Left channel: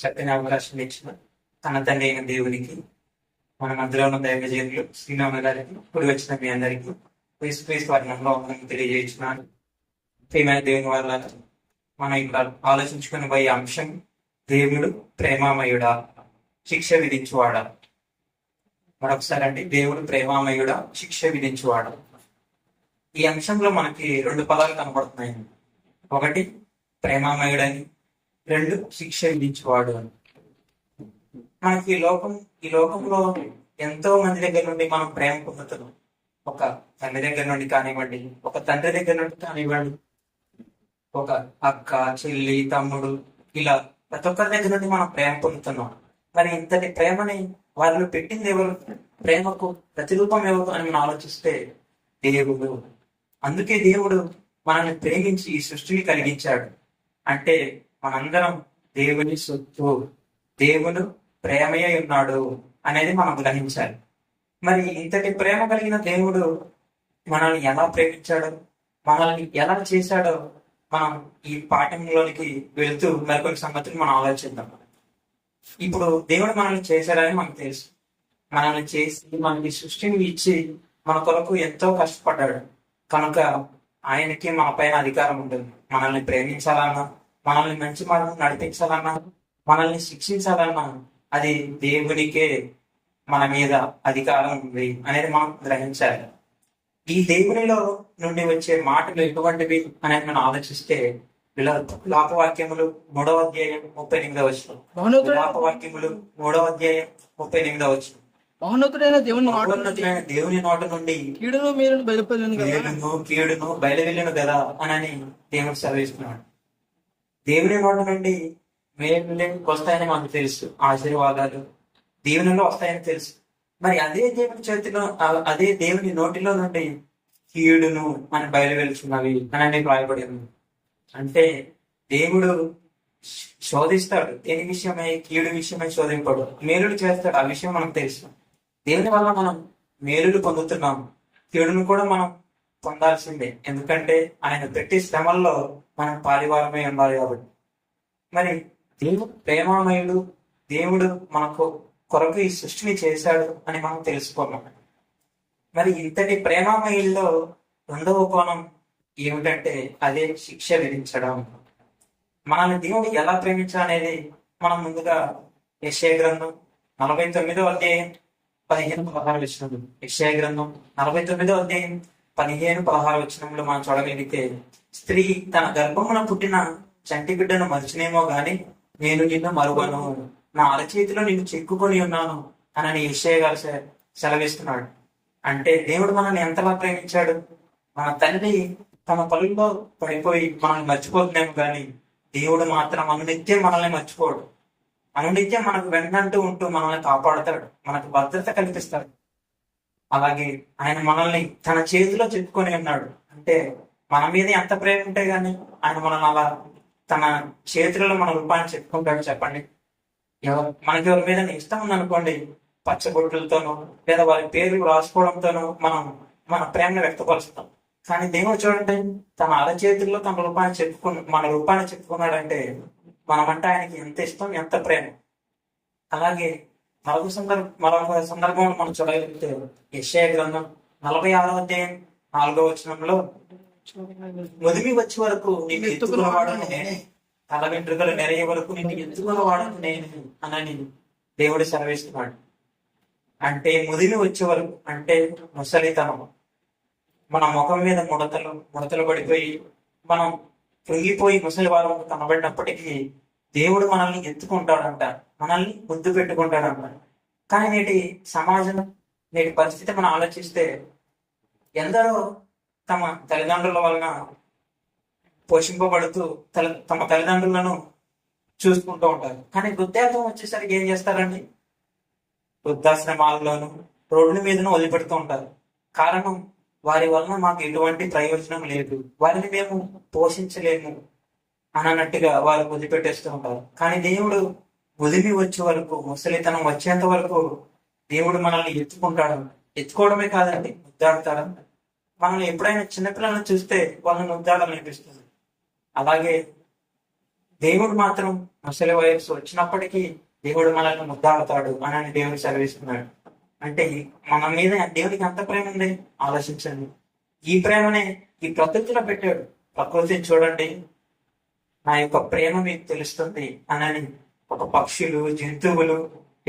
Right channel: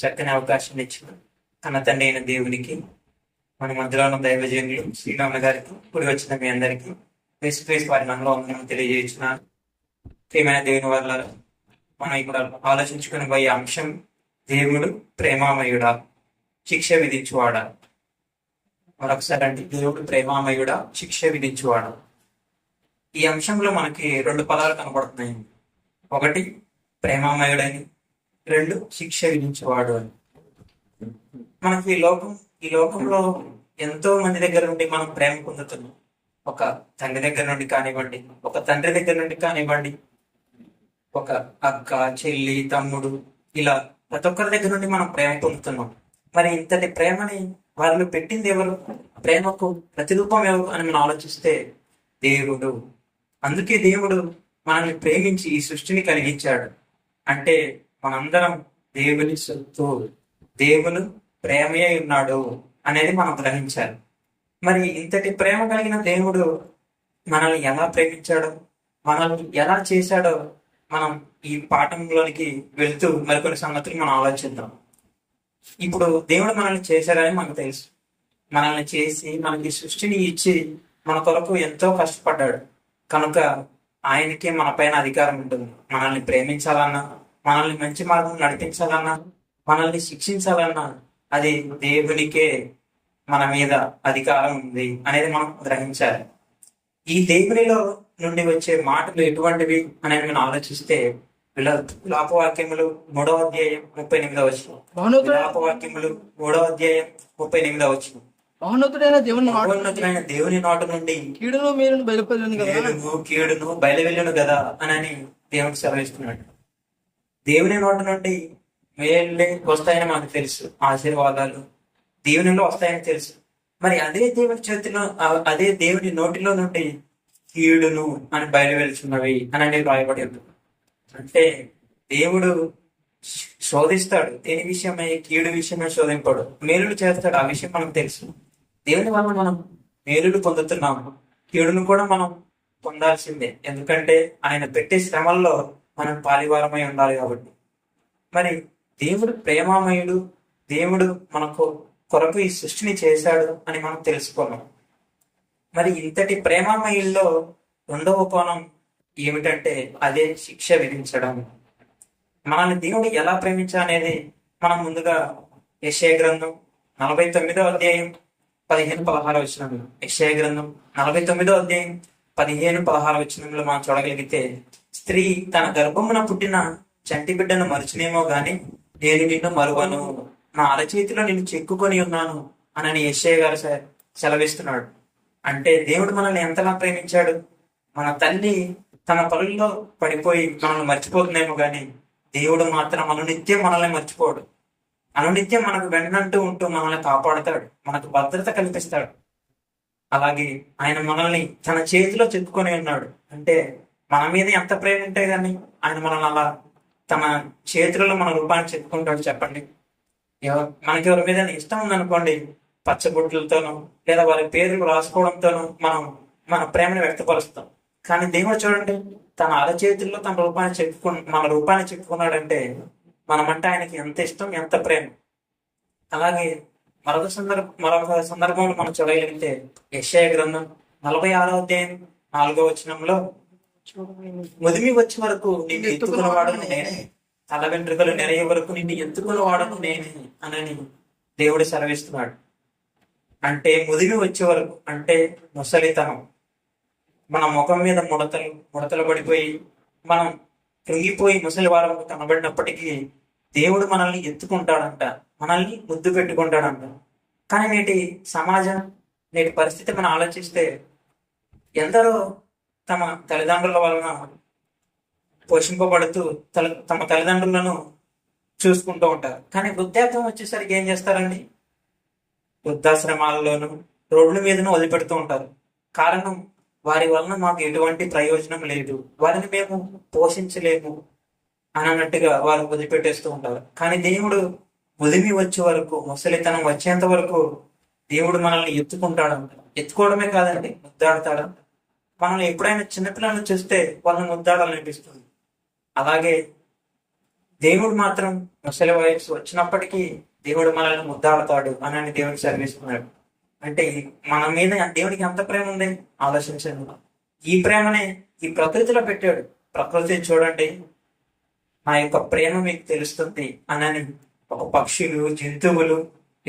చక్కని అవకాశం ఇచ్చిన తన తండ్రి అయిన దేవునికి, మన మధ్యలో ఉన్న దైవజనులు శ్రీనాన్న గారికి, కూడి వచ్చిన మీ అందరికీ ఫేస్ ఫేస్ వారి నామములో వందనం తెలియజేస్తున్నాను. ప్రియమైన దేవుని వల్ల మనం ఇక్కడ ఆలోచించుకునే పోయే అంశం, దేవుడు ప్రేమామయుడా, శిక్ష విధించువాడా. మరొకసారి అంటే, దేవుడు ప్రేమామయుడా, శిక్ష విధించువాడా. ఈ అంశంలో మనకి రెండు పదాలు కనపడుతున్నాయి. ఒకటి ప్రేమామయుడని, రెండు శిక్ష విధించేవాడు అని. మనకి ఈ లోకంలో ఎంతో మంది దగ్గర నుండి మనం ప్రేమ పొందుతున్నాం. ఒక తండ్రి దగ్గర నుండి కానివ్వండి, ఒక తండ్రి దగ్గర నుండి కానివ్వండి, ఒక అక్క, చెల్లి, తమ్ముడు, ఇలా ప్రతి ఒక్కరి దగ్గర నుండి మనం ప్రేమ పొందుతున్నాం. మరి ఇంతటి ప్రేమని వాళ్ళు పెట్టింది ఎవరు? ప్రేమకు ప్రతిరూపం ఎవరు అని మనం ఆలోచిస్తే దేవుడు. అందుకే దేవుడు మనల్ని ప్రేమించి ఈ సృష్టిని కలిగించాడు. అంటే మనందరం దేవుని సొత్తు, దేవుడు ప్రేమయ్య ఉన్నాడు అనేది మనం గ్రహించాలి. మరి ఇంతటి ప్రేమ కలిగిన దేవుడు మనల్ని ఎలా ప్రేమించాడో, మనల్ని ఎలా చేశాడో మనం ఈ పాఠంలోనికి వెళుతూ మరికొన్ని సంగతులు మనం ఆలోచిద్దాం. ఇప్పుడు దేవుడు మనల్ని చేశాడని మనకు తెలుసు. మనల్ని చేసి మనకి సృష్టిని ఇచ్చి మన కొరకు ఎంతో కష్టపడ్డాడు. కనుక ఆయనకే మన పైన అధికారం ఉంటుంది. మనల్ని ప్రేమించాలన్నా, మనల్ని మంచి మార్గం నడిపించాలన్నా, మనల్ని శిక్షించాలన్నా అది దేవునికే మన మీద అధికారం ఉంది అనేది మనం గ్రహించాలి. ఈ దేవునిలో నుండి వచ్చే మాటలు ఎటువంటివి అనేది మనం ఆలోచిస్తే, విలాపవాక్యములు 3వ అధ్యాయం 38వ వచనం. విలాపవాక్యములు 3వ అధ్యాయం 38వ వచనం. మహోన్నతుడైన దేవుని నోట నుండి కీడును మేలును కీడును బయలువెళ్ళును కదా అని దేవుడు సెలవిస్తున్నాడు. దేవుని నోట నుండి మేలులే వస్తాయని మనకు తెలుసు, ఆశీర్వాదాలు దేవునిలో వస్తాయని తెలుసు. మరి అదే దేవుని చేతిలో, అదే దేవుని నోటిలో నుండి కీడును అని బయలువెళ్తున్నవి అని రాయబడి ఉంది. అంటే దేవుడు శోధిస్తాడు. దేని విషయమై? కీడు విషయమై శోధింపడు. మేలుడు చేస్తాడు, ఆ విషయం మనకు తెలుసు. దేవుని వల్ల మనం మేలుడు పొందుతున్నాము, కీడును కూడా మనం పొందాల్సిందే. ఎందుకంటే ఆయన పెట్టే శ్రమల్లో మనం పాలివారమై ఉండాలి కాబట్టి. మరి దేవుడు ప్రేమామయుడు, దేవుడు మనకు కొరకు ఈ సృష్టిని చేశాడు అని మనం తెలుసుకున్నాం. మరి ఇంతటి ప్రేమామయుల్లో రెండవ కోణం ఏమిటంటే అదే శిక్ష విధించడం. మనల్ని దేవుడు ఎలా ప్రేమించాలనేది మనం ముందుగా యెషయా గ్రంథం 49వ అధ్యాయం 15-16 వచనం. యెషయా గ్రంథం 49వ అధ్యాయం 15-16 వచనంలో మనం చూడగలిగితే, స్త్రీ తన గర్భమున పుట్టిన చంటి బిడ్డను మరిచినేమో గాని నేను నిన్ను మరువను, నా అరచేతిలో నిన్ను చెక్కుకొని ఉన్నాను అని యెషయా గారు సెలవిస్తున్నాడు. అంటే దేవుడు మనల్ని ఎంతలా ప్రేమించాడు. మన తల్లి తన పనుల్లో పడిపోయి మనల్ని మర్చిపోతుందేమో గాని దేవుడు మాత్రం అనునిత్యం మనల్ని మర్చిపోడు. అనునిత్యం మనకు వెన్నంటూ ఉంటూ మనల్ని కాపాడుతాడు, మనకు భద్రత కల్పిస్తాడు. అలాగే ఆయన మనల్ని తన చేతిలో చెప్పుకొని ఉన్నాడు. అంటే మన మీద ఎంత ప్రేమ ఉంటే గానీ ఆయన మనల్ని అలా తన చేతులలో మన రూపాన్ని చెప్పుకుంటాడు. చెప్పండి, మనకి ఎవరి మీద ఇష్టం ఉందనుకోండి, పచ్చబొట్లతోనో లేదా వారి పేర్లు రాసుకోవడంతోనో మనం మన ప్రేమను వ్యక్తపరుస్తాం. కానీ దేవుడు చూడండి, తన అరచేతుల్లో మన రూపాన్ని చెప్పుకున్నాడంటే మనమంటే ఆయనకి ఎంత ఇష్టం, ఎంత ప్రేమ. అలాగే మరొక సందర్భంలో మనం చూడగలిగితే యెషయా గ్రంథం 46వ అధ్యాయం 4వ వచనంలో, ముదిమి వచ్చే వరకు నిన్ను ఎత్తుకున్నవాడను నేనే, తల వెంట్రుకలు నెరయ్యే వరకు నిన్ను ఎత్తుకున్నవాడను నేనే అని దేవుడు సెలవిస్తున్నాడు. అంటే ముదిమి వచ్చే వరకు అంటే ముసలితనం, మన ముఖం మీద ముడతలు పడిపోయి మనం కృంగిపోయి ముసలి వారం కనబడినప్పటికీ దేవుడు మనల్ని ఎత్తుకుంటాడంట, మనల్ని ముద్దు పెట్టుకుంటాడంట. కానీ నేటి పరిస్థితి మనం ఆలోచిస్తే, ఎందరో తమ తల్లిదండ్రుల వలన పోషింపబడుతూ తమ తల్లిదండ్రులను చూసుకుంటూ ఉంటారు. కానీ వృద్ధాప్యం వచ్చేసరికి ఏం చేస్తారండి? వృద్ధాశ్రమాల్లోనూ రోడ్ల మీదను వదిలిపెడుతూ ఉంటారు. కారణం, వారి వలన మాకు ఎటువంటి ప్రయోజనం లేదు, వారిని మేము పోషించలేము అని అన్నట్టుగా వారు వదిలిపెట్టేస్తూ ఉంటారు. కానీ దేవుడు ముదిమి వచ్చే వరకు, ముసలితనం వచ్చేంత వరకు దేవుడు మనల్ని ఎత్తుకుంటాడంట. ఎత్తుకోవడమే కాదండి, ముద్దాడుతాడంట. మనల్ని ఎప్పుడైనా చిన్నపిల్లలను చూస్తే వాళ్ళని ముద్దాడాలనిపిస్తుంది. అలాగే దేవుడు మాత్రం ముసలి వయసు వచ్చినప్పటికీ దేవుడు మనల్ని ముద్దాడుతాడు అని దేవుడు సెలవిస్తున్నాడు. అంటే మన మీద దేవుడికి ఎంత ప్రేమ ఉంది ఆలోచించండి. ఈ ప్రేమనే ఈ ప్రకృతిలో పెట్టాడు. ప్రకృతిని చూడండి, నా యొక్క ప్రేమ మీకు తెలుస్తుంది అని ఒక పక్షులు, జంతువులు,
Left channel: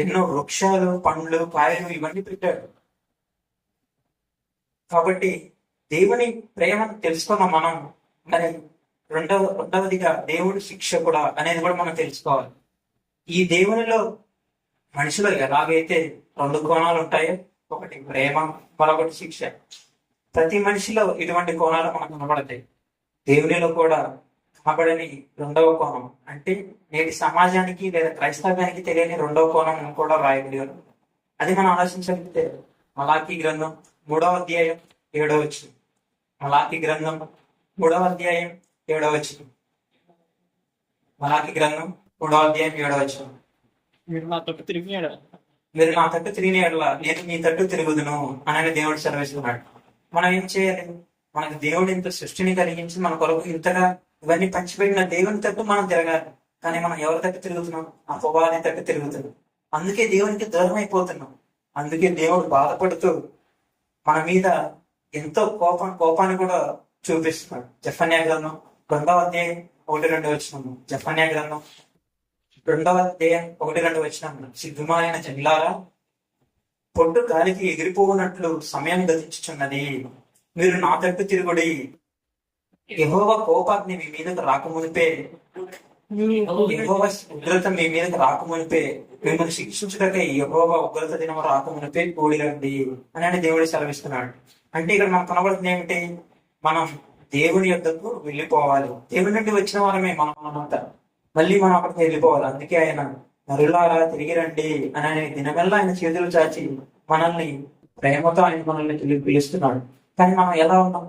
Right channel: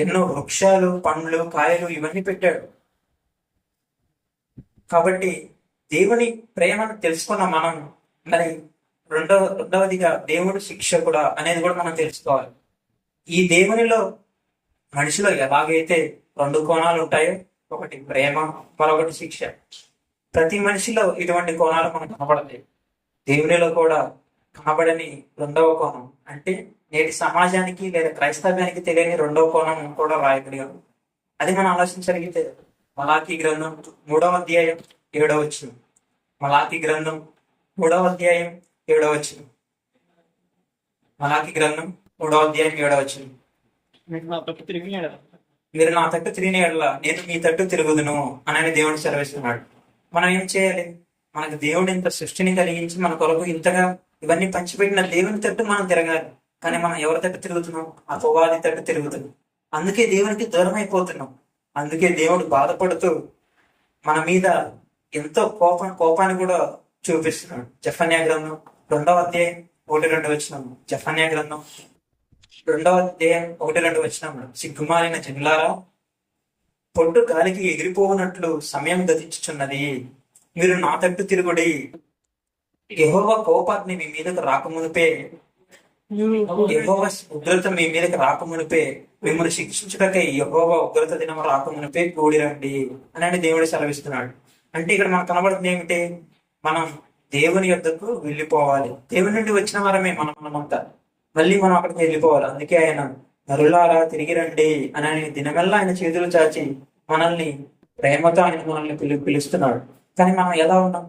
ఎన్నో వృక్షాలు, పండ్లు, కాయలు ఇవన్నీ పెట్టాడు. కాబట్టి దేవుని ప్రేమను తెలుసుకున్న మనం మరి రెండవదిగా దేవుడు శిక్షకుడా అనేది కూడా మనం తెలుసుకోవాలి. ఈ దేవునిలో మనిషిలో ఎలాగైతే రెండు కోణాలు ఉంటాయో, ఒకటి ప్రేమ, మరొకటి శిక్ష. ప్రతి మనిషిలో ఇటువంటి కోణాలు మనకు కనబడతాయి. దేవునిలో కూడా కనబడని రెండవ కోణం అంటే నేటి సమాజానికి లేదా క్రైస్తవ్యానికి తెలియని రెండవ కోణం కూడా రాయగలిగారు. అది మనం ఆలోచించగలిగితే మలాకీ గ్రంథం 3వ అధ్యాయం 7వ వచనం. మలాకీ గ్రంథం 3వ అధ్యాయం 7వ వచనం. మలాకీ గ్రంథం 3వ అధ్యాయం 7వ వచనం. మీరు నా తట్టు తిరిగిన ఎడల నేను మీ తట్టు తిరుగుదును అని దేవుడు సెలవిస్తున్నాడు. మనం ఏం చేయాలి? మనకు దేవుడు ఇంత సృష్టిని కలిగించి మన కొరకు ఇంతగా ఇవన్నీ పంచిపెట్టిన దేవుని తట్టు మనం తిరగాలి. కానీ మనం ఎవరి తట్టు తిరుగుతున్నాం? అపవాది తట్టు తిరుగుతున్నాం. అందుకే దేవునికి దూరం అయిపోతున్నాం. అందుకే దేవుడు బాధపడుతూ మన మీద ఎంతో కోపాన్ని కూడా చూపిస్తున్నాడు. జెఫన్యా గ్రంథం 2వ అధ్యాయం 1-2 వచనము. జెఫన్యా గ్రంథం 2వ అధ్యాయం 1-2 వచనము. సిగ్గుమాలిన జనులారా, పొట్టు గాలికి ఎగిరిపోవునట్లు సమయం గతించుచున్నది. మీరు నా తట్టు తిరుగుడి. యెహోవా కోపాగ్ని మీ మీదకు రాకమునిపే, యెహోవా ఉగ్రత మీ మీదకి రాకమునిపే, మిమ్మల్ని శిక్షించుటకై యెహోవా ఉగ్రత దినము రాకమునిపే కూడిరండి అని దేవుడు సెలవిస్తున్నాడు. అంటే ఇక్కడ మనకు కనబడుతుంది ఏమిటి? మనం దేవుని యొద్దకు వెళ్ళిపోవాలి. దేవుని నుండి వచ్చిన వారమే మనమంతా. మళ్ళీ మనం అక్కడికి వెళ్ళిపోవాలి. అందుకే ఆయన నరులారా తిరిగి రండి అని దినమెల్లా ఆయన చేతులు చాచి మనల్ని ప్రేమతో ఆయన మనల్ని పిలుస్తున్నాడు. కానీ మనం ఎలా ఉన్నాం?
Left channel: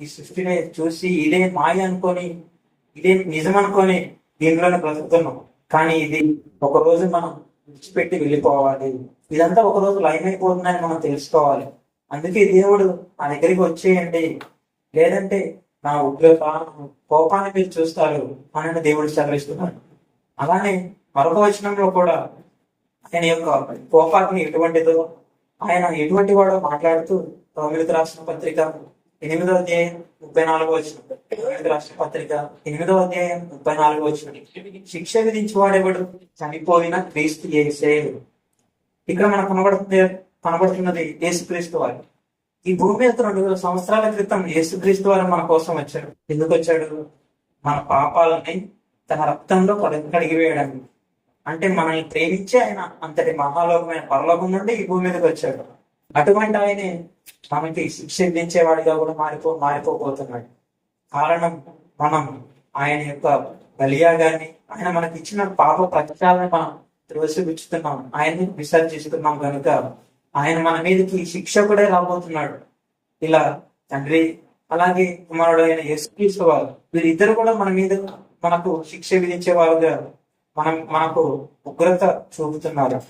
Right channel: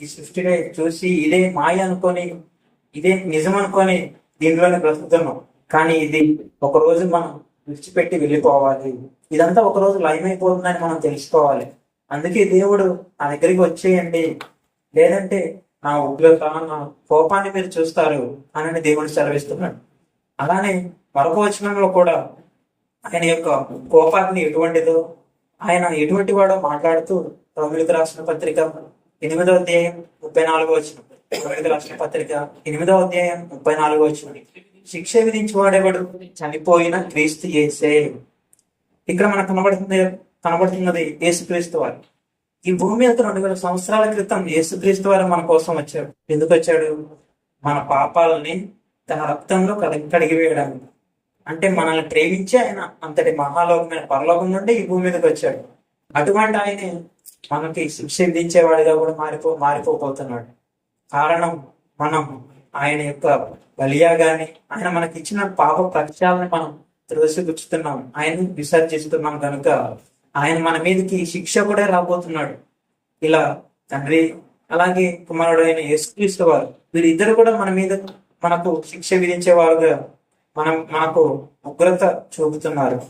ఈ సృష్టిని చూసి ఇదే మాయ అనుకొని, ఇదే నిజం అనుకొని దీనిలోనే బ్రతుకుతున్నాం. కానీ ఇది ఒక రోజు మనం విడిచిపెట్టి వెళ్ళిపోవాలి. ఇదంతా ఒక రోజు లయమైపోతుందని మనం తెలుసుకోవాలి. అందుకే దేవుడు నా దగ్గరికి వచ్చేయండి, లేదంటే నా ఉగ్రత, నా కోపాన్ని మీరు చూస్తారు అని దేవుడు సెలవిస్తున్నాడు. అలానే మరొక వచనంలో కూడా ఆయన యొక్క కోపాగ్ని ఎటువంటిదో, ఆయన ఎటువంటి వాడో మాట్లాడుతూ రోమీయులకు రాసిన పత్రిక 8వ అధ్యాయం 34వ వచనం. రోమీయులకు రాసిన పత్రిక 8వ అధ్యాయం 34వ వచనం. శిక్ష విధించి వాడేవాడు చనిపోయిన క్రీస్తు యేసే. ఇక్కడ మనకు కనబడుతున్నది యేసుక్రీస్తు వారు. ఈ భూమి మీద 2000 సంవత్సరాల క్రితం యేసుక్రీస్తు వారు మన కోసం వచ్చాడు. ఎందుకు వచ్చాడు? మన పాపాలని తన రక్తంలో కడిగివేయడానికి. అంటే మనల్ని ప్రేమించి ఆయన అంతటి మహాలోకమైన పరలోకం నుండి ఈ భూమి మీదకి వచ్చాడు. అటువంటి ఆయన మనకి శిక్ష విధించేవాడిగా కూడా మారిపోతున్నాడు. కారణం మనం ఆయన యొక్క బలియాగాని, ఆయన మనకి ఇచ్చిన పాప ప్రత్యాలని మనం త్రోసిపుచ్చుతున్నాం, ఆయన్ని విసర్జిస్తున్నాం. కనుక ఆయన మన మీదకి శిక్షకుడే రాబోతున్నాడు. ఇలా తండ్రి అలాగే కుమారుడు అయిన యేసుక్రీస్తు వారు వీరిద్దరు కూడా మన మీద మనకు శిక్ష విధించేవారుగా మనకు ఉగ్రత చూపుతున్నారు.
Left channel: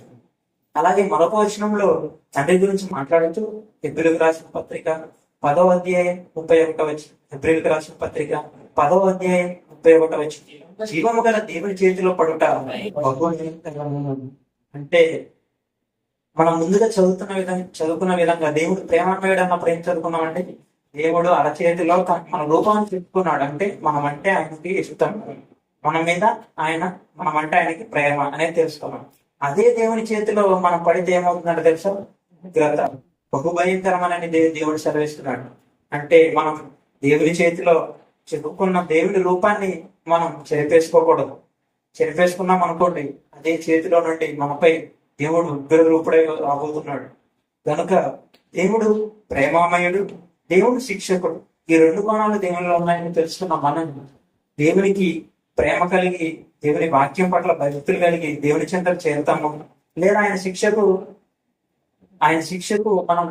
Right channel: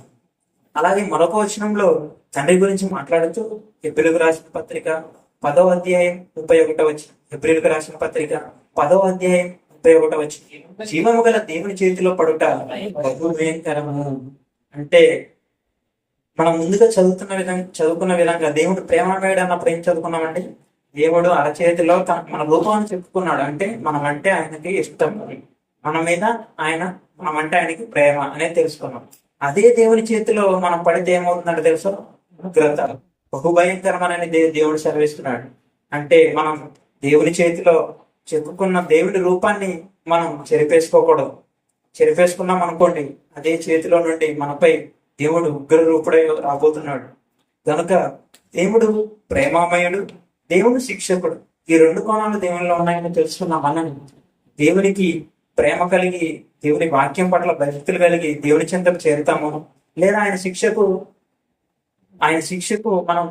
అలాగే మరొక వచనంలో తండ్రి గురించి మాట్లాడుతూ హెబ్రీయులకు రాసిన పత్రిక 10వ అధ్యాయం 31వ వచనం. హెబ్రీయులకు రాసిన పత్రిక 10వ అధ్యాయం 31వ వచనం. జీవము గల దేవుని చేతిలో పడుట బహుభయంకరము. అంటే మనం ముందుగా చదువుకున్న విధంగా దేవుడు ప్రేమమయుడు అన్నప్పుడు ఏం చదువుకున్నామంటే, దేవుడు అరచేతిలో మన రూపాన్ని చెప్పుకున్నాడు. అంటే మనం అంటే ఆయనకి ఇష్టం, మన మీద మనం అంటే ఆయనకి ప్రేమ అనేది తెలుసుకున్నాం. అదే దేవుని చేతిలో మనం పడితే ఏమవుతుందంటే తెలుసా? ఉగ్రత, బహుభయంకరమని దేవుడు సెలవిస్తున్నాడు. అంటే మనం దేవుని చేతిలో చెప్పుకున్న దేవుని రూపాన్ని మనం చెరిపేసుకోకూడదు. చెరిపేసుకున్నాం అనుకోండి, అదే చేతిలో నుండి మనపై దేవుడు ఉగ్ర రూపుడై రాబోతున్నాడు. కనుక దేవుడు ప్రేమామయుడు, దేవుడు శిక్షకుడు. ఈ రెండు కోణాలు దేవునిలో ఉన్నాయని తెలుసుకున్న మనం దేవునికి ప్రేమ కలిగి, దేవుని వాక్యం పట్ల భక్తులు కలిగి దేవుని చెంతకు చేరుతాము, లేదా ఆయన శిక్షకు మనం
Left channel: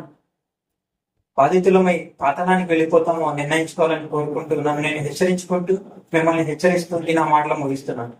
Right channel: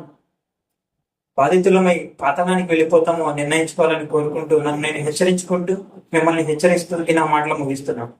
బాధితులమై పాతాళానికి వెళ్ళిపోతాము నిర్ణయించుకోవాలని కోరుకుంటూ నన్ను నేను హెచ్చరించుకుంటూ మిమ్మల్ని హెచ్చరిస్తూ నా మాటలు ముగిస్తున్నాను.